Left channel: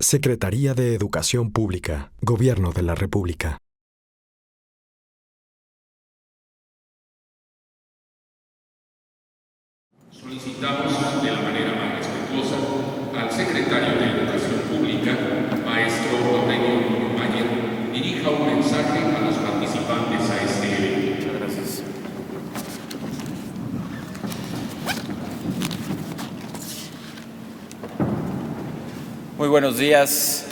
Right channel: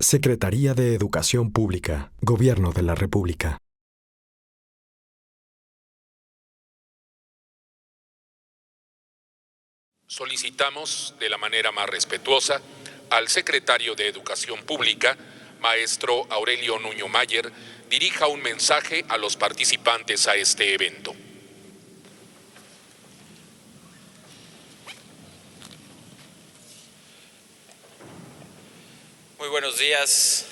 Secretaría de Educación Pública, Gobierno de la República. Solicitamos de la manera más respetuosa al secretario de Educación Pública, maestro Aurelio Nuño Mayer, dirija un mensaje a los participantes a este evento. Gracias. Muy buenos días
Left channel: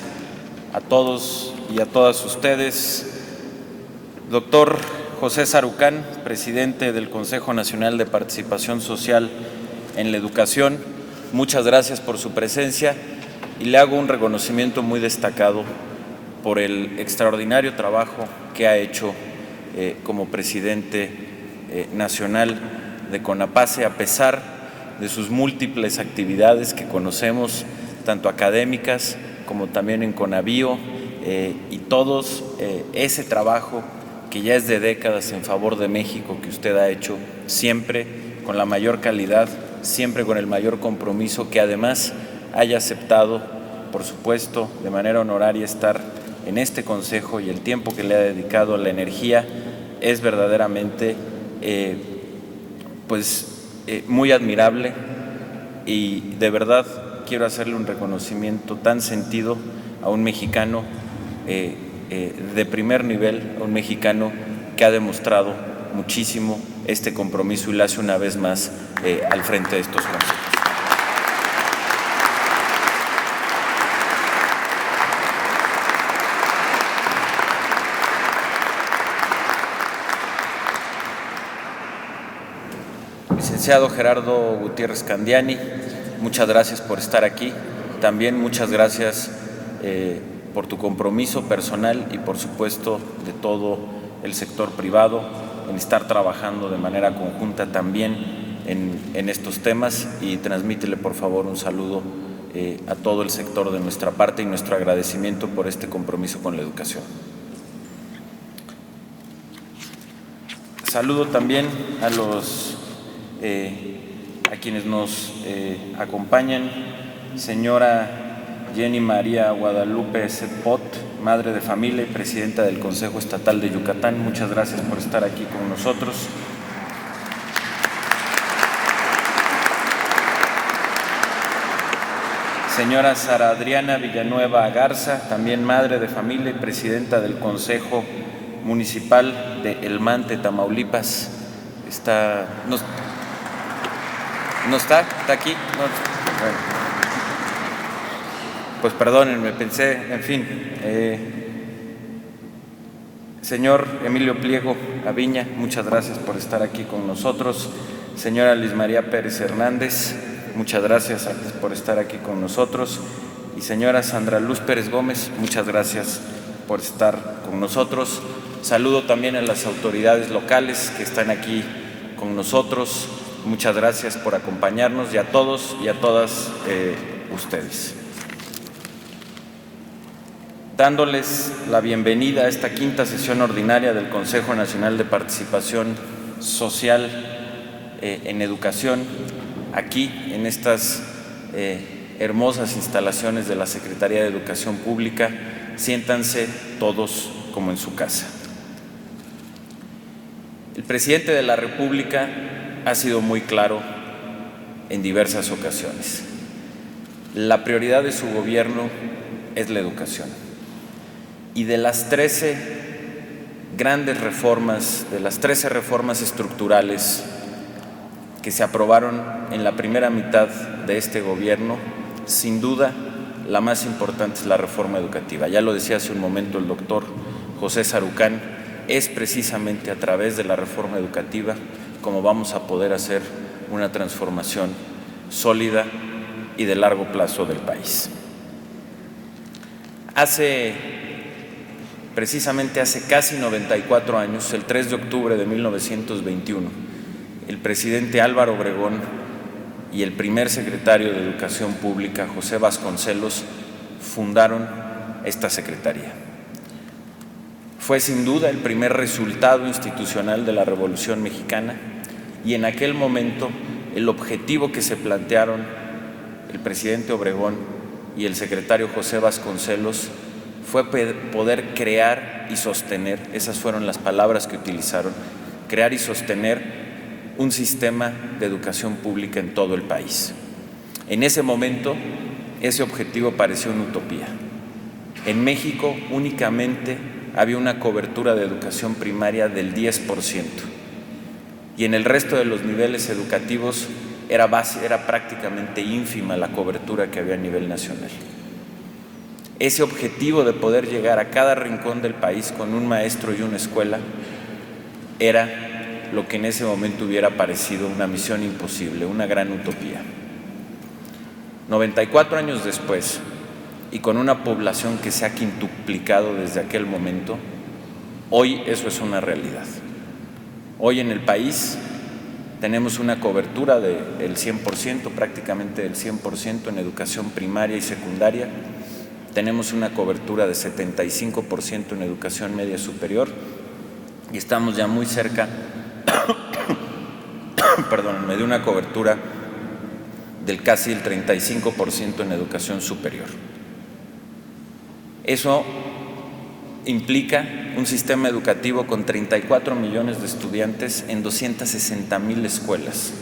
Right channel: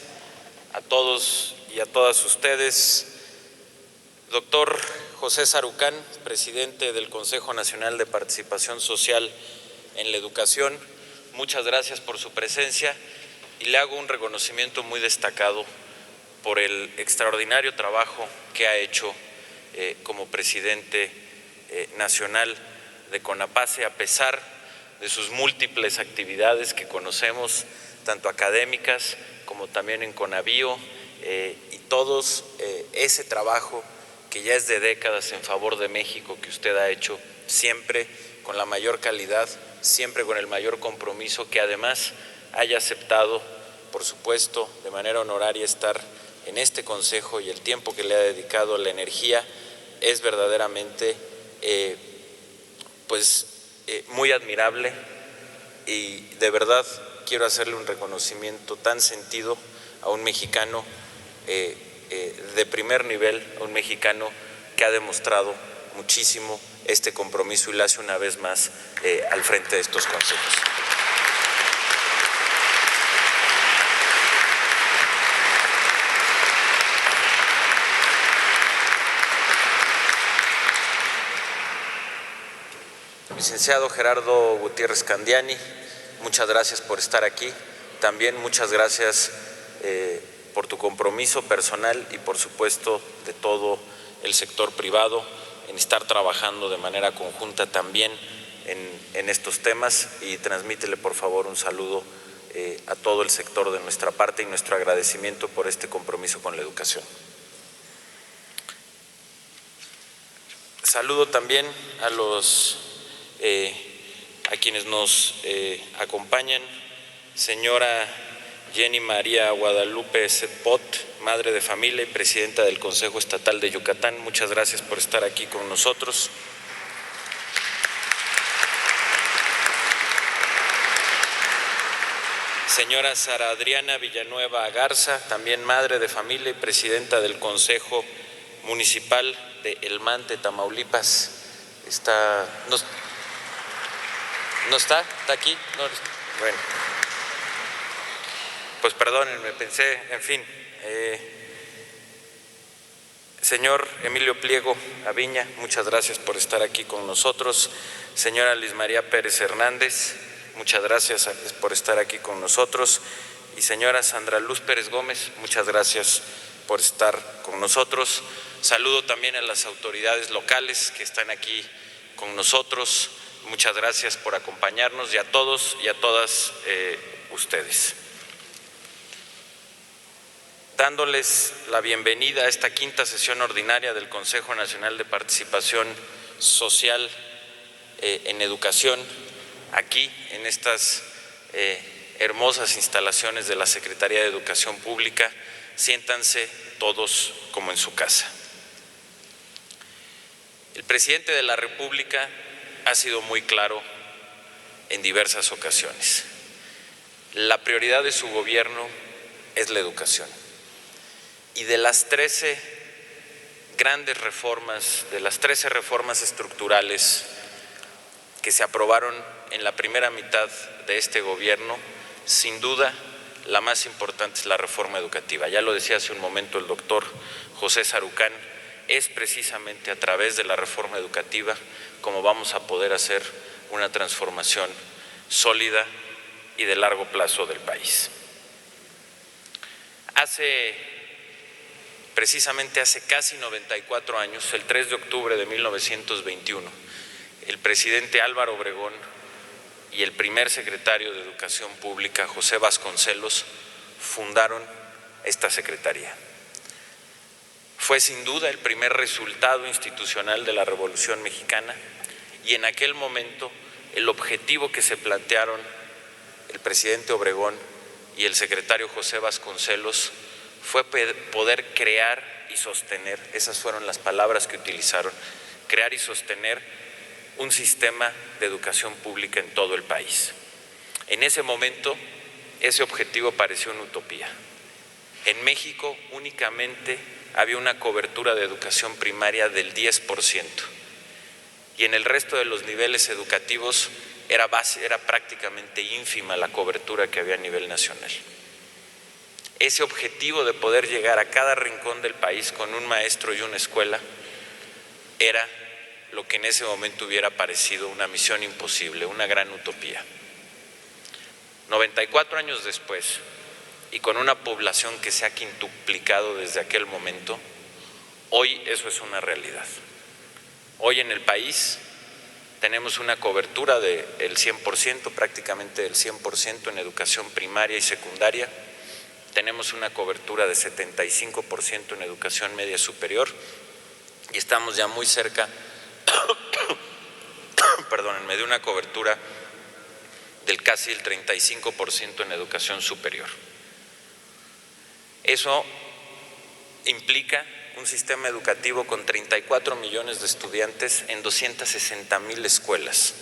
a todos y a todas ustedes. Doctor José Sarucán, presidente del Consejo Nacional de Participación Social en la Educación, muchas gracias por su presencia y le hago un reconocimiento muy destacado por el extraordinario trabajo que ha hecho como presidente nacional de CONAPACE, a pesar de sus múltiples actividades que conocemos, tanto académicas como también en CONAVIO, y todos ese trabajo que ya es de décadas en favor de México que usted ha hecho siempre con la mayor calidad, siempre con el mayor compromiso, que además haya aceptado, por supuesto, de manera honoraria estar en este consejo, y el tiempo que le ha dedicado, la energía, es verdaderamente muy admirable, y de verdad quiero hacerle un reconocimiento tan sentido a un mexicano de primer nivel, a un mexicano que ha demostrado muchísimo este compromiso y lo hace una vez más al frente de estos consejos. Licenciado Gerardo Gutiérrez Candiani, muchas gracias por estar aquí. También muchas gracias por tu compromiso personal y, por supuesto, de todo el sector privado en estar trabajando de manera conjunta también en estos temas, y transmítele, por favor, un saludo a todo el sector de nuestra parte y nuestro agradecimiento por este compromiso con la educación. Saludo también a quienes nos acompañan. Señora Jenny María Guadalupe Setpot, madre de familia y presidenta del Consejo Estatal de Yucatán, muchas gracias por estar aquí con nosotros. Señora Sara Adriana Villanueva Garza, también madre de familia y presidenta del Consejo Municipal de El Mante, Tamaulipas. ¿No está? ¿Está aquí? No. Bueno. Pues perdónenme, pensé, en fin. Señor Emilio Pliego Aviña, muchas gracias por estar aquí con nosotros. Señora Luis María Pérez Hernández, muchas gracias por estar aquí con nosotros. Y señora Sandra Luz Pérez Gómez, muchas gracias por estar con nosotros. Saludo también a las autoridades locales que están aquí con nosotros. Muchas gracias por acompañarnos, y a todos y a todas ustedes. Dándoles la bienvenida a esta quinta sesión ordinaria del Consejo Nacional de Participación Social en Educación, aquí en estas hermosas instalaciones de la Secretaría de Educación Pública. Siéntanse todos como en su casa. El presidente de la República ha sido muy claro en diversas ocasiones. La prioridad de su gobierno es la educación. Y de las 13 grandes reformas, de las 13 reformas estructurales que se aprobaron en la primera mitad de este gobierno, sin duda la más importante es la reforma educativa. Ya lo decía hace un momento el doctor José Sarucán, es precisamente a través de la reforma educativa como vamos a poder hacer una transformación sólida y de largo plazo del país. Precisamente hace casi 94 años, el 3 de octubre de 1921, el presidente Álvaro Obregón y el primer secretario de Educación Pública, José Vasconcelos, fundaron esta secretaría. Fue sin duda el primer resultado institucional de la Revolución Mexicana, y en aquel momento el objetivo que se plantearon el presidente Obregón y el secretario José Vasconcelos fue poder crear y sostener, esas fueron las palabras que utilizaron, crear y sostener un sistema de educación pública en todo el país. En ese momento, ese objetivo pareció una utopía. En México únicamente había una cobertura de educación primaria del 10%, y en el resto de los niveles educativos era prácticamente ínfima la cobertura que había a nivel nacional. Ese objetivo de poder llegar a cada rincón del país con un maestro y una escuela era lo que en ese momento hubiera parecido una misión imposible, una gran utopía. 94 años después, y con una población que se ha quintuplicado desde aquel momento, hoy eso es una realidad. Hoy en el país tenemos una cobertura del 100%, prácticamente del 100% en educación primaria y secundaria. Tenemos una cobertura de 75% en educación media superior y estamos ya muy cerca, de una cobertura del casi el 35% en educación superior. Eso implica un sistema educativo con 34 millones de estudiantes en 260,000 escuelas.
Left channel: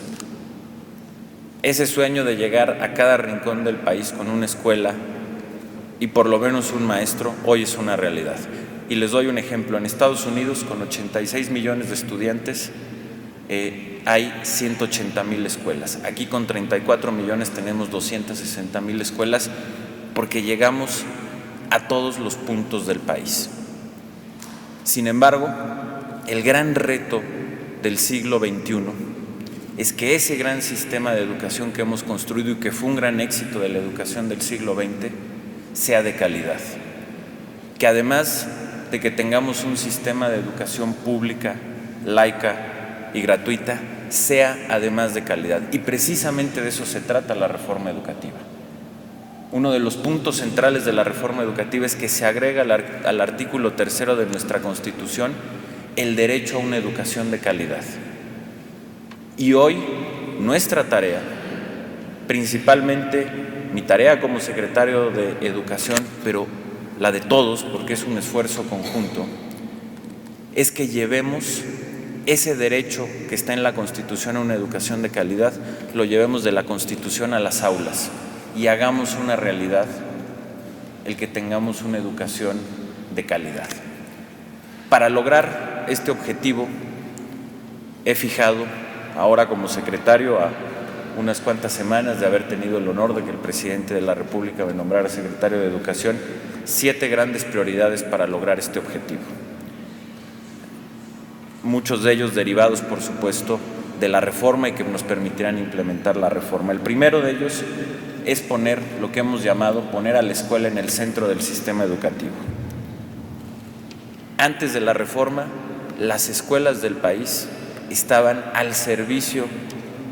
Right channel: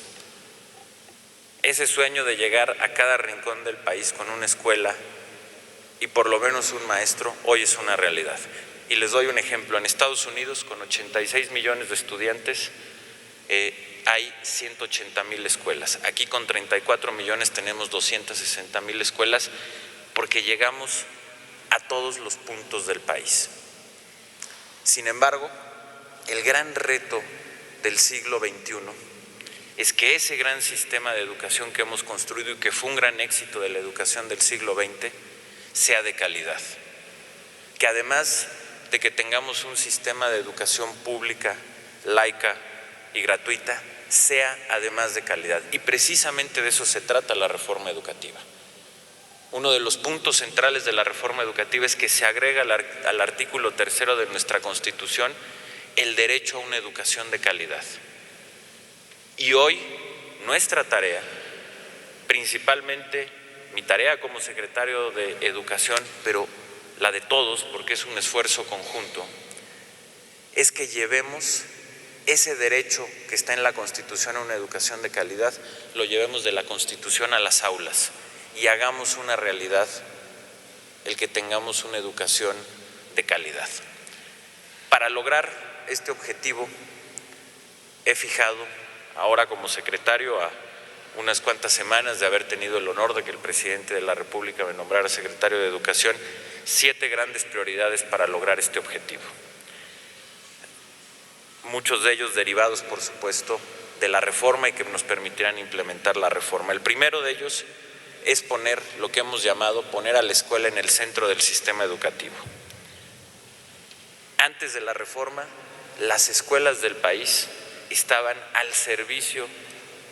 Ese sueño de llegar a cada rincón del país con una escuela y por lo menos un maestro, hoy es una realidad. Y les doy un ejemplo. En Estados Unidos, con 86 millones de estudiantes, hay 180,000 escuelas. Aquí con 34 millones tenemos 260,000 escuelas porque llegamos a todos los puntos del país. Sin embargo, el gran reto del siglo XXI es que ese gran sistema de educación que hemos construido y que fue un gran éxito de la educación del siglo XX sea de calidad. Que además de que tengamos un sistema de educación pública, laica y gratuita, sea además de calidad. Y precisamente de eso se trata la reforma educativa. Uno de los puntos centrales de la reforma educativa es que se agrega al artículo 3 de nuestra Constitución el derecho a una educación de calidad. Y hoy nuestra tarea, principalmente mi tarea como secretario de Educación, pero la de todos, porque es un esfuerzo conjunto, es que llevemos ese derecho que está en la Constitución a una educación de calidad, lo llevemos de la Constitución a las aulas y hagamos una realidad el que tengamos una educación de calidad. Para lograr este objetivo, he fijado, ahora como secretario, a unas cuantas semanas de haber tenido el honor de que el presidente de la República me nombrara secretario de Educación, 7 grandes prioridades para lograr este objetivo. Muchos de ellos derivados, por supuesto, de la reforma y que nos permitirán implementar la reforma. El primero de ellos es poner lo que hemos llamado poner a la escuela en el centro del sistema educativo. Antes de la reforma, las escuelas del país estaban al servicio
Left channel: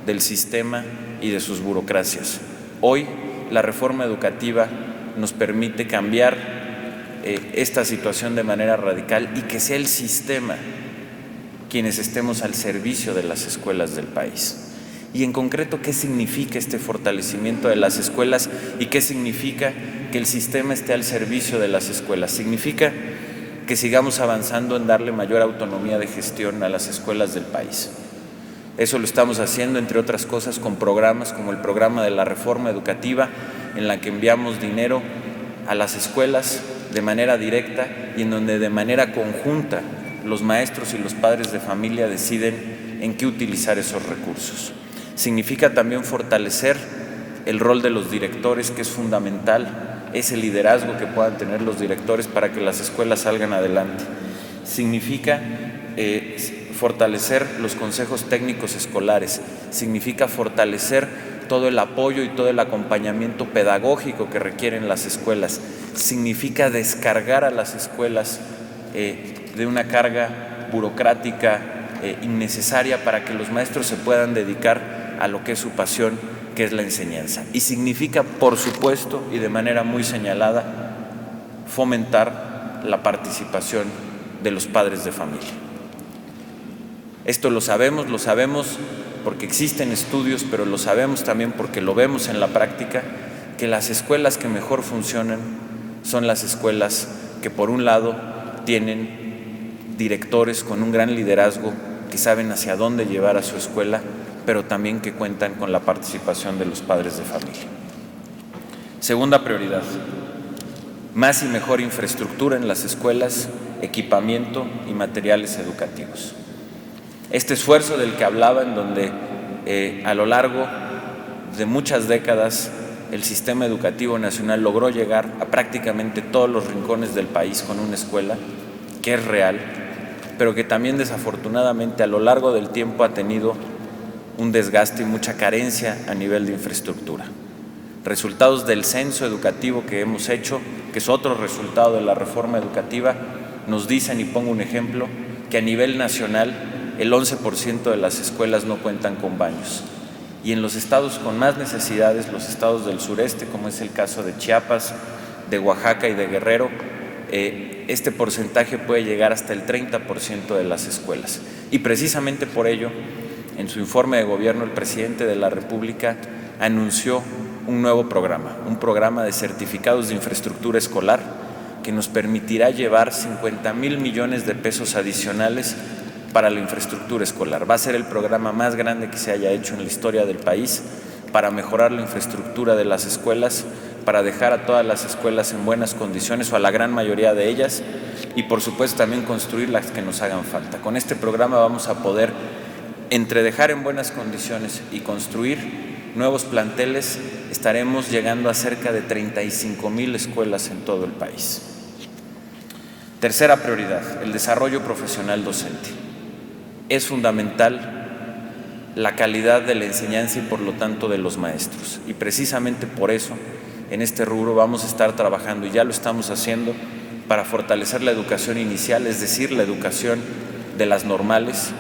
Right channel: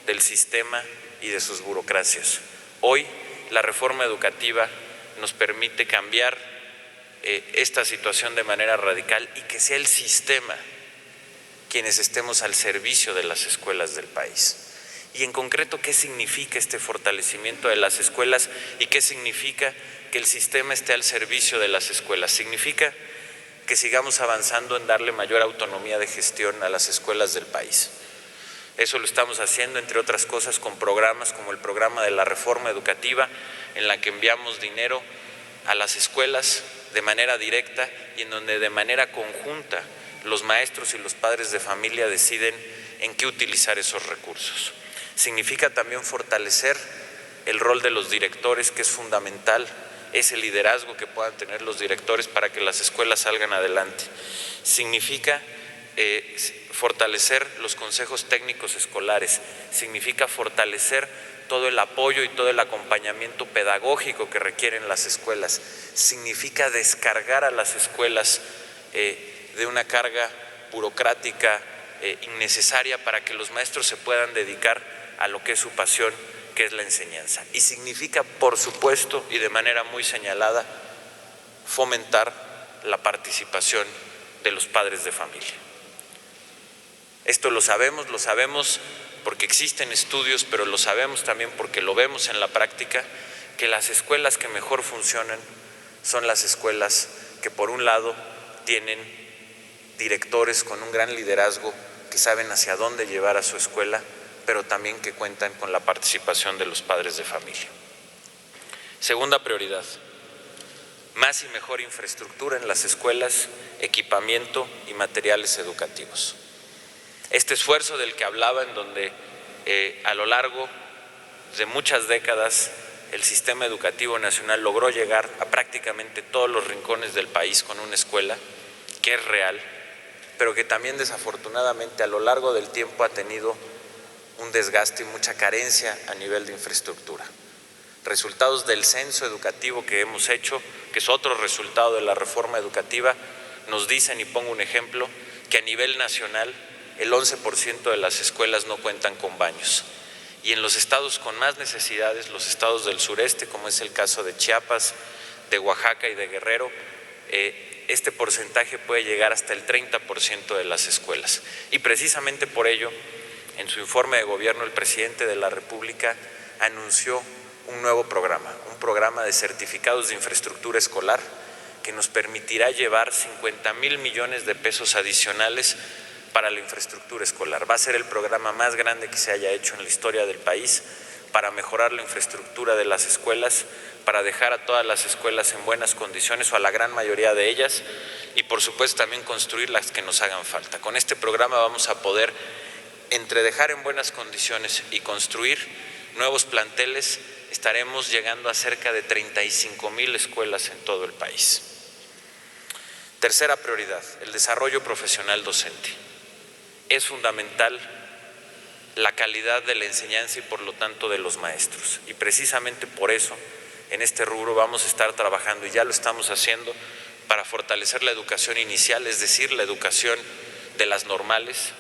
del sistema y de sus burocracias. Hoy, la reforma educativa nos permite cambiar esta situación de manera radical y que sea el sistema quienes estemos al servicio de las escuelas del país. Y en concreto, ¿qué significa este fortalecimiento de las escuelas y qué significa que el sistema esté al servicio de las escuelas? Significa que sigamos avanzando en darle mayor autonomía de gestión a las escuelas del país. Eso lo estamos haciendo, entre otras cosas, con programas como el programa de la reforma educativa, en la que enviamos dinero a las escuelas de manera directa y en donde de manera conjunta los maestros y los padres de familia deciden en qué utilizar esos recursos. Significa también fortalecer el rol de los directores, que es fundamental, ese liderazgo que puedan tener los directores para que las escuelas salgan adelante. Significa fortalecer los consejos técnicos escolares, significa fortalecer todo el apoyo y todo el acompañamiento pedagógico que requieren las escuelas, significa descargar a las escuelas de una carga burocrática innecesaria para que los maestros se puedan dedicar a lo que es su pasión, que es la enseñanza. Y significa, por supuesto, y de manera muy señalada, fomentar la participación de los padres de familia. Esto lo sabemos porque existen estudios, pero lo sabemos también porque lo vemos en la práctica, que las escuelas que mejor funcionan son las escuelas que, por un lado, tienen directores con un gran liderazgo, que saben hacia dónde llevar a su escuela, pero también que cuentan con la participación de los padres de familia. Segunda prioridad: más y mejor infraestructura en las escuelas, equipamiento y materiales educativos. Este esfuerzo del que hablaba, en donde a lo largo de muchas décadas el sistema educativo nacional logró llegar a prácticamente todos los rincones del país con una escuela que es real, pero que también desafortunadamente a lo largo del tiempo ha tenido un desgaste y mucha carencia a nivel de infraestructura. Resultados del censo educativo que hemos hecho, que es otro resultado de la reforma educativa, nos dicen, y pongo un ejemplo, que a nivel nacional el 11% de las escuelas no cuentan con baños. Y en los estados con más necesidades, los estados del sureste, como es el caso de Chiapas, de Oaxaca y de Guerrero, este porcentaje puede llegar hasta el 30% de las escuelas. Y precisamente por ello, en su informe de gobierno, el presidente de la República anunció un nuevo programa, un programa de certificados de infraestructura escolar que nos permitirá llevar 50,000 millones de pesos adicionales para la infraestructura escolar. Va a ser el programa más grande que se haya hecho en la historia del país para mejorar la infraestructura de las escuelas, para dejar a todas las escuelas en buenas condiciones, o a la gran mayoría de ellas, y por supuesto también construir las que nos hagan falta. Con este programa vamos a poder, entre dejar en buenas condiciones y construir nuevos planteles, estaremos llegando a cerca de 35,000 escuelas en todo el país. Tercera prioridad: el desarrollo profesional docente. Es fundamental la calidad de la enseñanza y por lo tanto de los maestros. Y precisamente por eso en este rubro vamos a estar trabajando, y ya lo estamos haciendo, para fortalecer la educación inicial, es decir, la educación de las normales,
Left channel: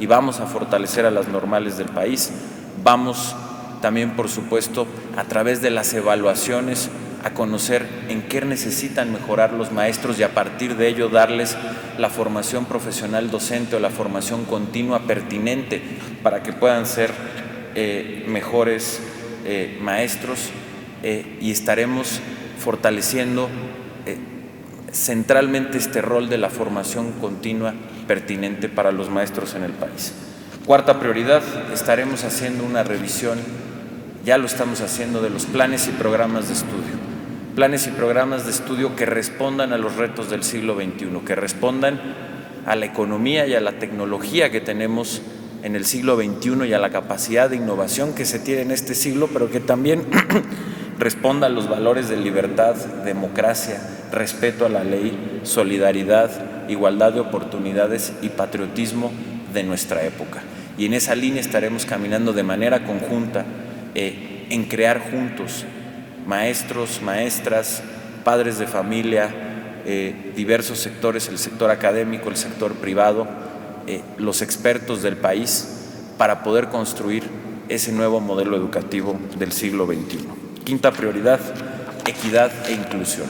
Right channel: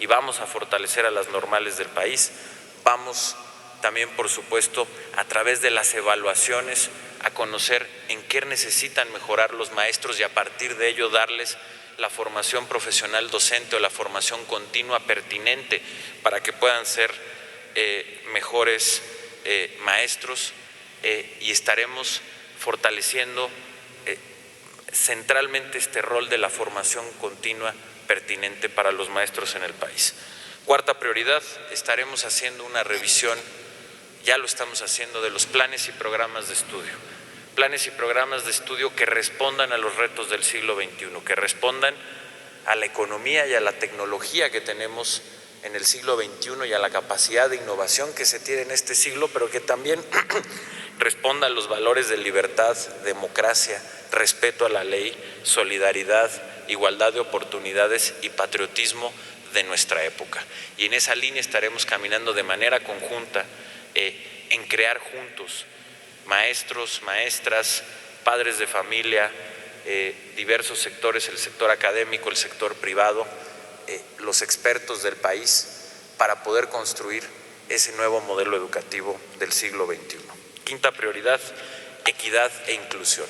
y vamos a fortalecer a las normales del país. Vamos también, por supuesto, a través de las evaluaciones, a conocer en qué necesitan mejorar los maestros y a partir de ello darles la formación profesional docente o la formación continua pertinente para que puedan ser mejores maestros, y estaremos fortaleciendo centralmente este rol de la formación continua pertinente para los maestros en el país. Cuarta prioridad: estaremos haciendo una revisión, ya lo estamos haciendo, de los planes y programas de estudio. Planes y programas de estudio que respondan a los retos del siglo XXI, que respondan a la economía y a la tecnología que tenemos en el siglo XXI y a la capacidad de innovación que se tiene en este siglo, pero que también responda a los valores de libertad, democracia, respeto a la ley, solidaridad, igualdad de oportunidades y patriotismo de nuestra época. Y en esa línea estaremos caminando de manera conjunta en crear juntos maestros, maestras, padres de familia, diversos sectores, el sector académico, el sector privado, los expertos del país, para poder construir ese nuevo modelo educativo del siglo XXI. Quinta prioridad: equidad e inclusión.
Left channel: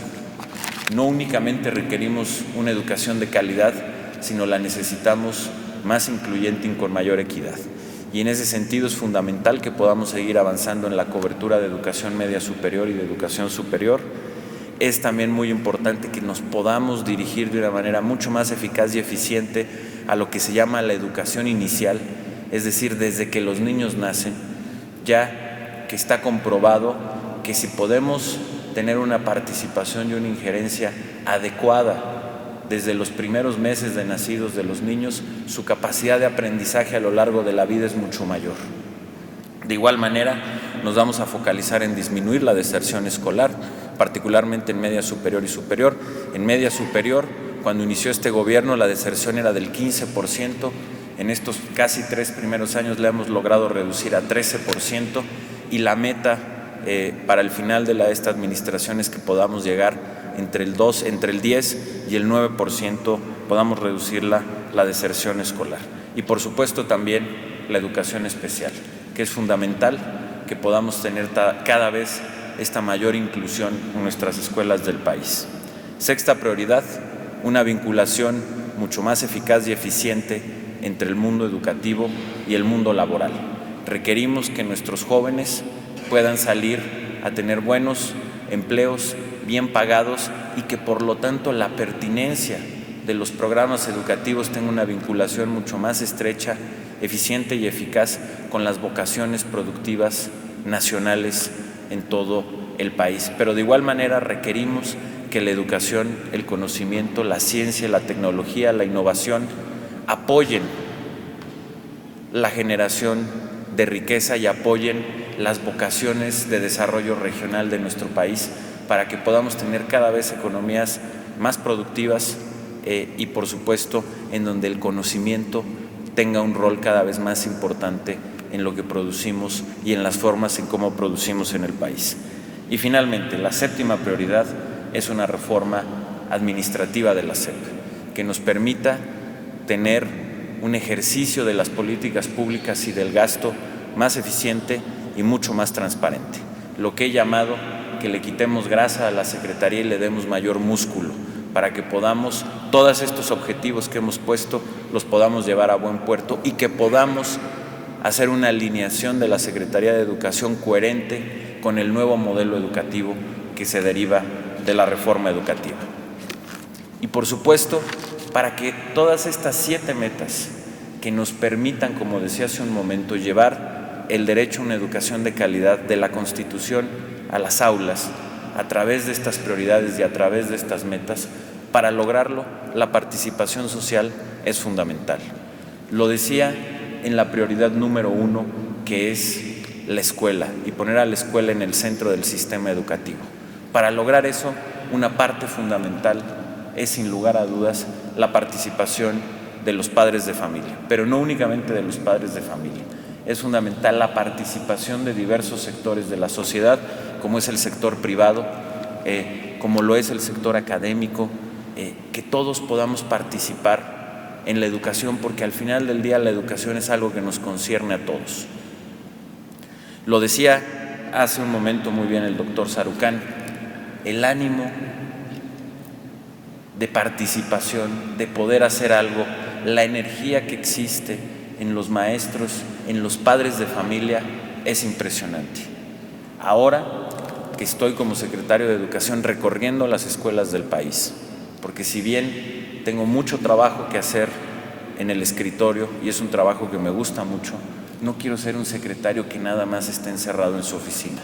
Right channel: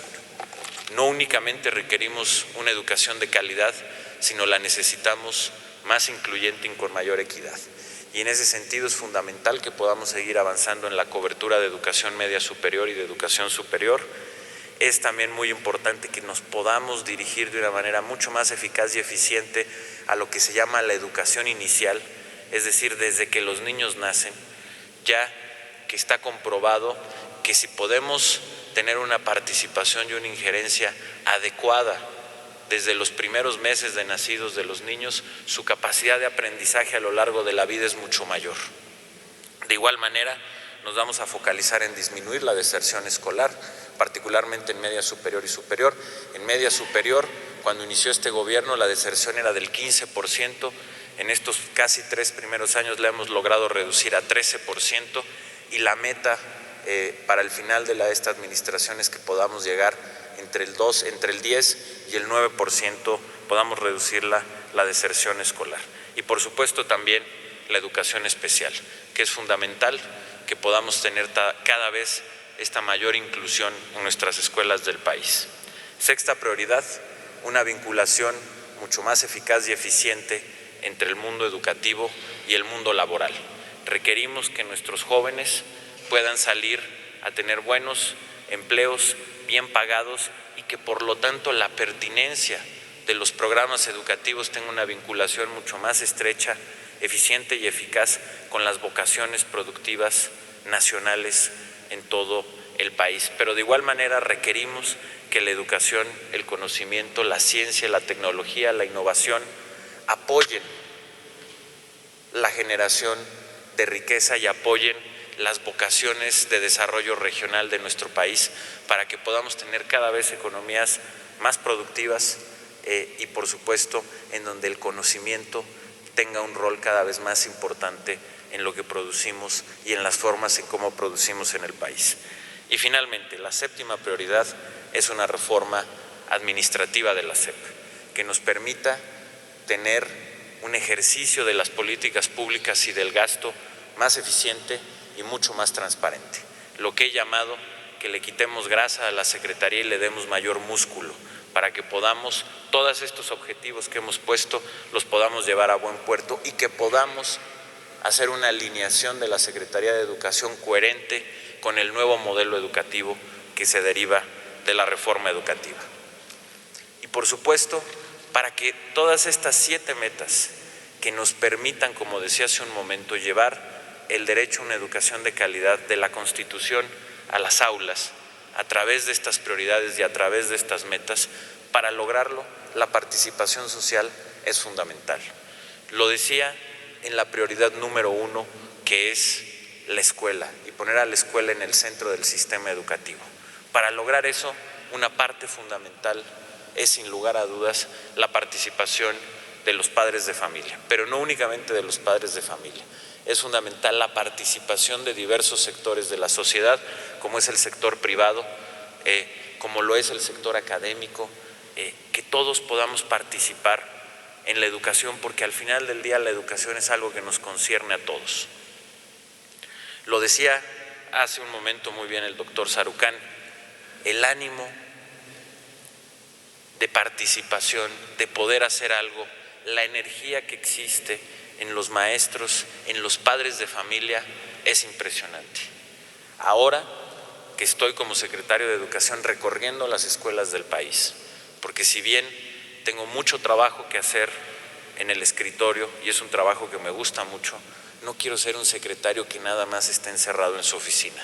No únicamente requerimos una educación de calidad, sino la necesitamos más incluyente y con mayor equidad. Y en ese sentido es fundamental que podamos seguir avanzando en la cobertura de educación media superior y de educación superior. Es también muy importante que nos podamos dirigir de una manera mucho más eficaz y eficiente a lo que se llama la educación inicial, es decir, desde que los niños nacen, ya que está comprobado que si podemos tener una participación y una injerencia adecuada desde los primeros meses de nacidos de los niños, su capacidad de aprendizaje a lo largo de la vida es mucho mayor. De igual manera, nos vamos a focalizar en disminuir la deserción escolar, particularmente en media superior y superior. En media superior, cuando inició este gobierno, la deserción era del 15%. En estos casi 3 primeros años la hemos logrado reducir a 13%, y la meta para el final de esta administración es que podamos llegar entre el 10 y el 9%, podamos reducir la deserción escolar. Y por supuesto también la educación especial, que es fundamental que podamos tener cada vez esta mayor inclusión en nuestras escuelas del país. Sexta prioridad: una vinculación mucho más eficaz y eficiente entre el mundo educativo y el mundo laboral. Requerimos que nuestros jóvenes puedan salir a tener buenos empleos, bien pagados, y que por lo tanto la pertinencia de los programas educativos tenga una vinculación mucho más estrecha, eficiente y eficaz con las vocaciones productivas nacionales en todo el país. Pero de igual manera requerimos que la educación, el conocimiento, la ciencia, la tecnología, la innovación apoyen la generación de riqueza y apoyen las vocaciones de desarrollo regional de nuestro país para que podamos tener cada vez economías más productivas y, por supuesto, en donde el conocimiento tenga un rol cada vez más importante en lo que producimos y en las formas en cómo producimos en el país. Y finalmente, la séptima prioridad es una reforma administrativa de la SEP que nos permita tener un ejercicio de las políticas públicas y del gasto más eficiente y mucho más transparente. Lo que he llamado que le quitemos grasa a la Secretaría y le demos mayor músculo para que podamos, todos estos objetivos que hemos puesto, los podamos llevar a buen puerto y que podamos hacer una alineación de la Secretaría de Educación coherente con el nuevo modelo educativo que se deriva de la reforma educativa. Y por supuesto, para que todas estas 7 metas que nos permitan, como decía hace un momento, llevar el derecho a una educación de calidad de la Constitución a las aulas, a través de estas prioridades y a través de estas metas, para lograrlo, la participación social es fundamental. Lo decía en la prioridad número 1, que es la escuela, y poner a la escuela en el centro del sistema educativo. Para lograr eso, una parte fundamental es, sin lugar a dudas, la participación de los padres de familia, pero no únicamente de los padres de familia. Es fundamental la participación de diversos sectores de la sociedad, como es el sector privado, como lo es el sector académico, que todos podamos participar en la educación, porque al final del día la educación es algo que nos concierne a todos. Lo decía hace un momento muy bien el doctor Sarucán, el ánimo de participación, de poder hacer algo, la energía que existe en los maestros, en los padres de familia, es impresionante. Ahora que estoy como secretario de Educación recorriendo las escuelas del país, porque si bien tengo mucho trabajo que hacer en el escritorio y es un trabajo que me gusta mucho, no quiero ser un secretario que nada más esté encerrado en su oficina.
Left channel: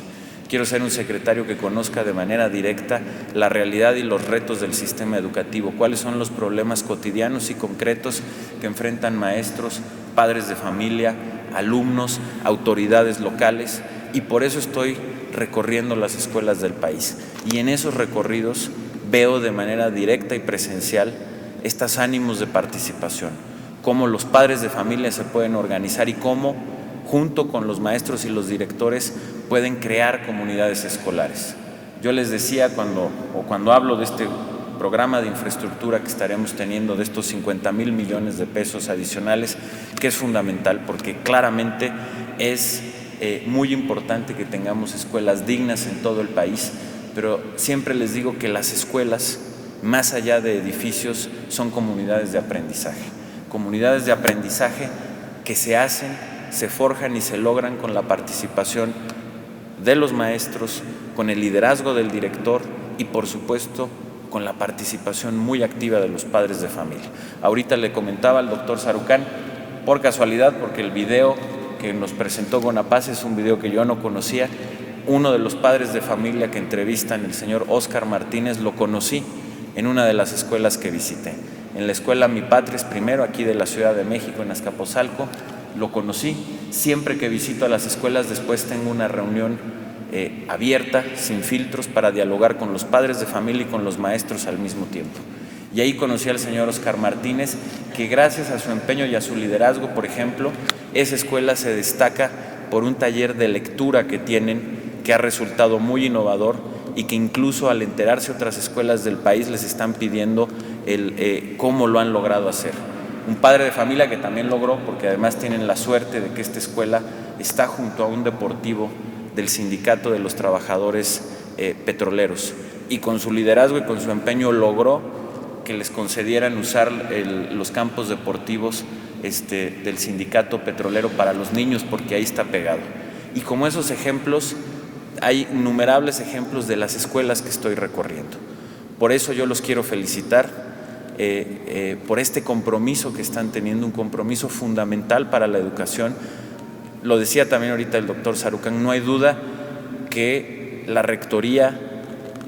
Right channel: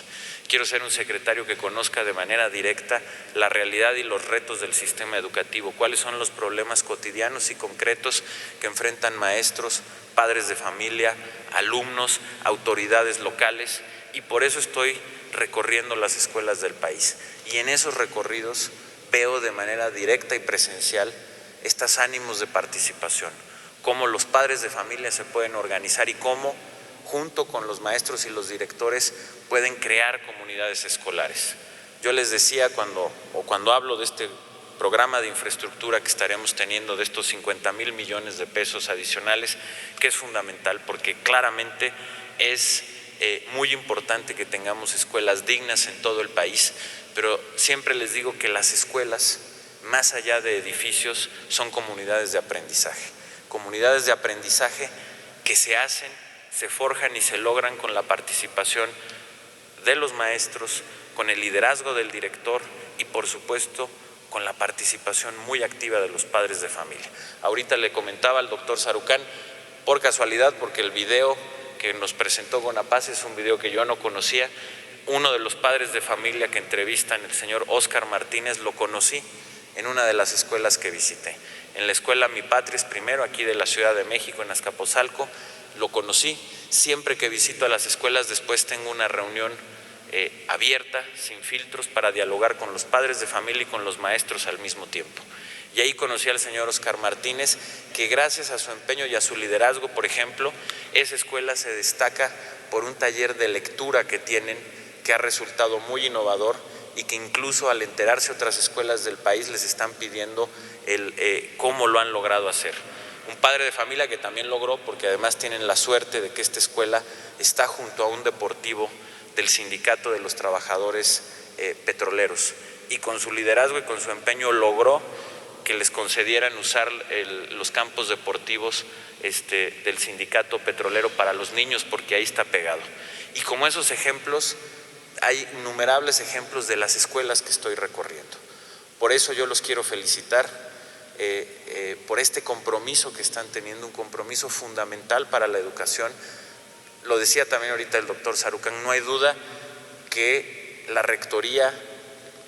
Quiero ser un secretario que conozca de manera directa la realidad y los retos del sistema educativo, cuáles son los problemas cotidianos y concretos que enfrentan maestros, padres de familia, alumnos, autoridades locales, y por eso estoy recorriendo las escuelas del país. Y en esos recorridos veo de manera directa y presencial estos ánimos de participación, cómo los padres de familia se pueden organizar y cómo, junto con los maestros y los directores, pueden crear comunidades escolares. Yo les decía cuando hablo de este programa de infraestructura que estaremos teniendo, de estos 50,000 millones de pesos adicionales, que es fundamental porque claramente es muy importante que tengamos escuelas dignas en todo el país, pero siempre les digo que las escuelas, más allá de edificios, son comunidades de aprendizaje que se hacen, se forjan y se logran con la participación de los maestros, con el liderazgo del director y, por supuesto, con la participación muy activa de los padres de familia. Ahorita le comentaba al doctor Sarucán, por casualidad, porque el video que nos presentó Gonapaz es un video que yo no conocía, uno de los padres de familia que entrevistan, el señor Óscar Martínez, lo conocí en una de las escuelas que visité. En la escuela Mi Patria es Primero, aquí de la Ciudad de México, en Azcapotzalco, lo conocí. Siempre que visito a las escuelas, después tengo una reunión abierta, sin filtros, para dialogar con los padres de familia y con los maestros al mismo tiempo. Y ahí conocí al señor Óscar Martínez, que gracias a su empeño y a su liderazgo, por ejemplo, esa escuela se destaca por un taller de lectura que tienen, que ha resultado muy innovador y que incluso al enterarse otras escuelas del país les están pidiendo cómo lo han logrado hacer. Un padre de familia que también logró, porque además tienen la suerte de que esta escuela está junto a un deportivo del Sindicato de los Trabajadores Petroleros, y con su liderazgo y con su empeño logró que les concedieran usar los campos deportivos del Sindicato Petrolero para los niños, porque ahí está pegado. Y como esos ejemplos hay innumerables ejemplos de las escuelas que estoy recorriendo. Por eso yo los quiero felicitar por este compromiso que están teniendo, un compromiso fundamental para la educación. Lo decía también ahorita el doctor Sarukhan, no hay duda que la rectoría,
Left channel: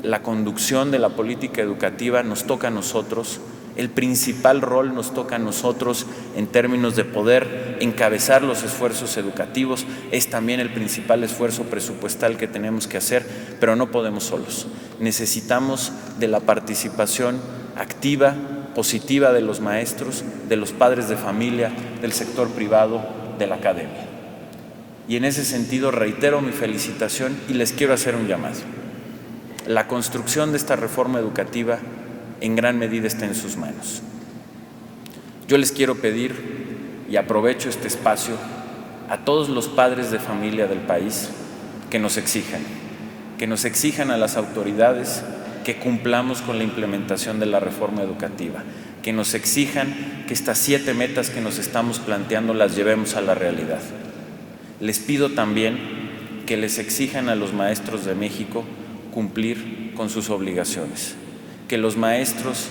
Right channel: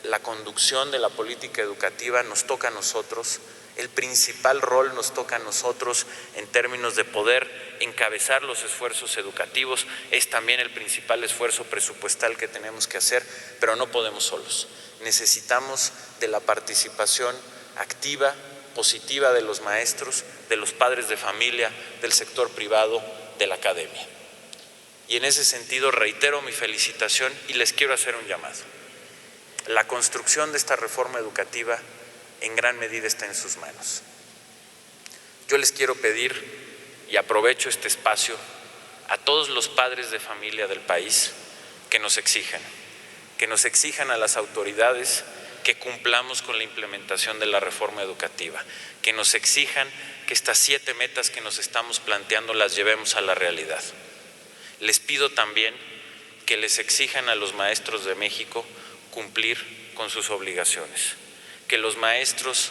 la conducción de la política educativa nos toca a nosotros. El principal rol nos toca a nosotros en términos de poder encabezar los esfuerzos educativos. Es también el principal esfuerzo presupuestal que tenemos que hacer, pero no podemos solos. Necesitamos de la participación activa, positiva de los maestros, de los padres de familia, del sector privado, de la academia. Y en ese sentido reitero mi felicitación y les quiero hacer un llamado. La construcción de esta reforma educativa en gran medida está en sus manos. Yo les quiero pedir, y aprovecho este espacio, a todos los padres de familia del país que nos exijan a las autoridades que cumplamos con la implementación de la reforma educativa, que nos exijan que estas 7 metas que nos estamos planteando las llevemos a la realidad. Les pido también que les exijan a los maestros de México cumplir con sus obligaciones, que los maestros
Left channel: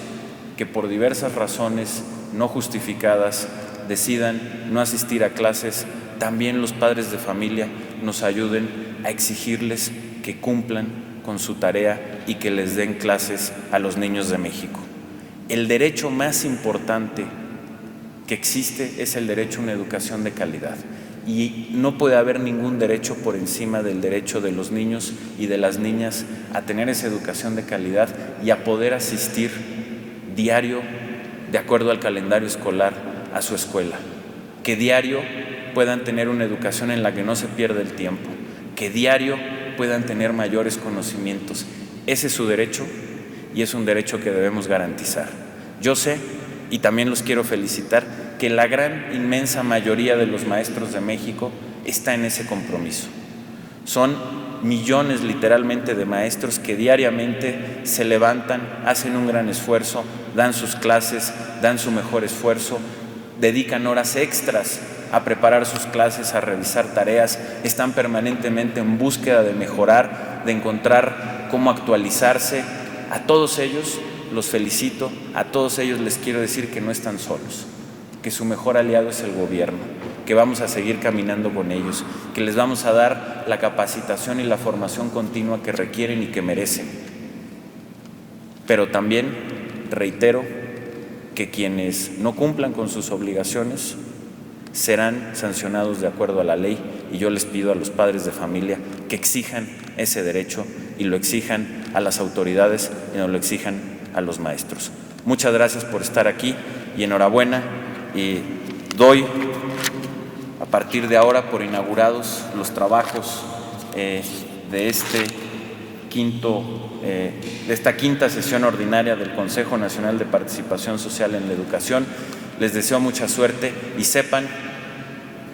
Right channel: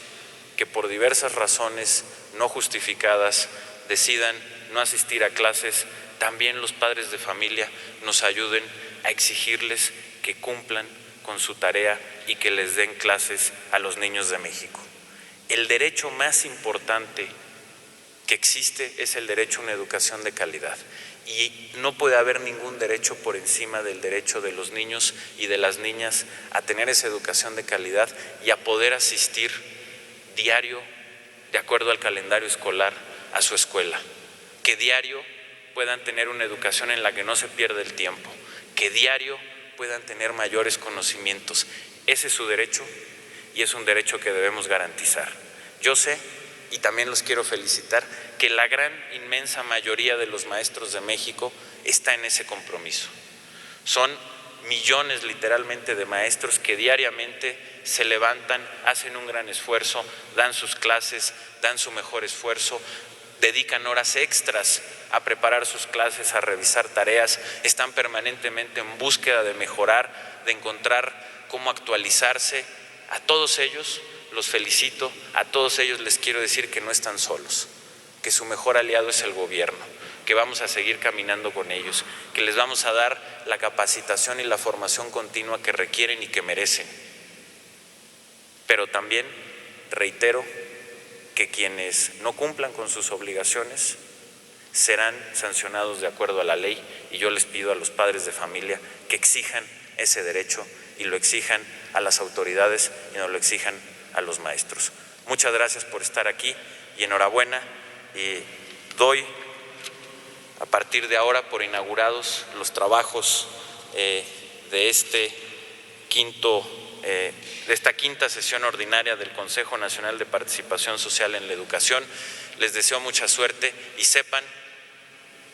que por diversas razones no justificadas decidan no asistir a clases, también los padres de familia nos ayuden a exigirles que cumplan con su tarea y que les den clases a los niños de México. El derecho más importante que existe es el derecho a una educación de calidad. Y no puede haber ningún derecho por encima del derecho de los niños y de las niñas a tener esa educación de calidad y a poder asistir diario, de acuerdo al calendario escolar, a su escuela. Que diario puedan tener una educación en la que no se pierda el tiempo, que diario puedan tener mayores conocimientos. Ese es su derecho y es un derecho que debemos garantizar. Yo sé, y también los quiero felicitar, que la gran inmensa mayoría de los maestros de México está en ese compromiso. Son millones literalmente de maestros que diariamente se levantan, hacen un gran esfuerzo, dan sus clases, dan su mejor esfuerzo, dedican horas extras a preparar sus clases, a revisar tareas, están permanentemente en búsqueda de mejorar, de encontrar cómo actualizarse. A todos ellos los felicito, a todos ellos les quiero decir que no están solos, que su mejor aliado es el gobierno, que vamos a seguir caminando con ellos, que les vamos a dar la capacitación y la formación continua que requieren y que merecen. Pero también reitero que quienes no cumplan con sus obligaciones serán sancionados de acuerdo a la ley, y yo les pido a los padres de familia que exijan ese derecho y lo exijan a las autoridades y no lo exijan a los maestros. Muchas gracias por estar aquí y enhorabuena, y doy a partir de ahora por inaugurados los trabajos de esta quinta sesión ordinaria del Consejo Nacional de Participación Social en la Educación. Les deseo mucha suerte y sepan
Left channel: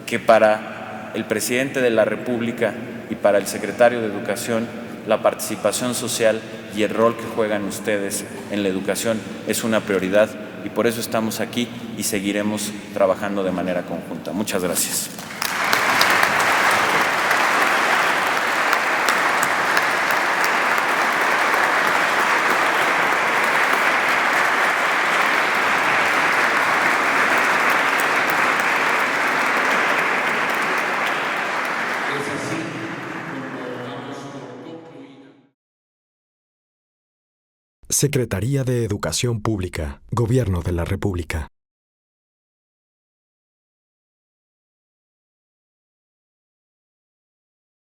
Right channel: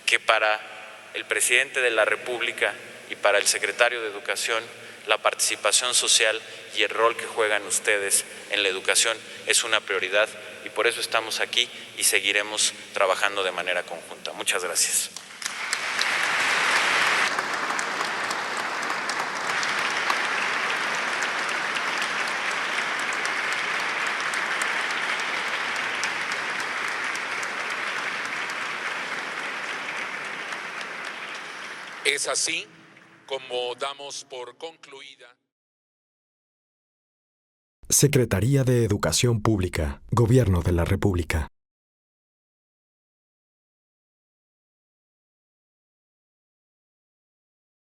que para el presidente de la República y para el secretario de Educación, la participación social y el rol que juegan ustedes en la educación es una prioridad, y por eso estamos aquí y seguiremos trabajando de manera conjunta. Muchas gracias. Es así como damos por concluida. Secretaría de Educación Pública, Gobierno de la República.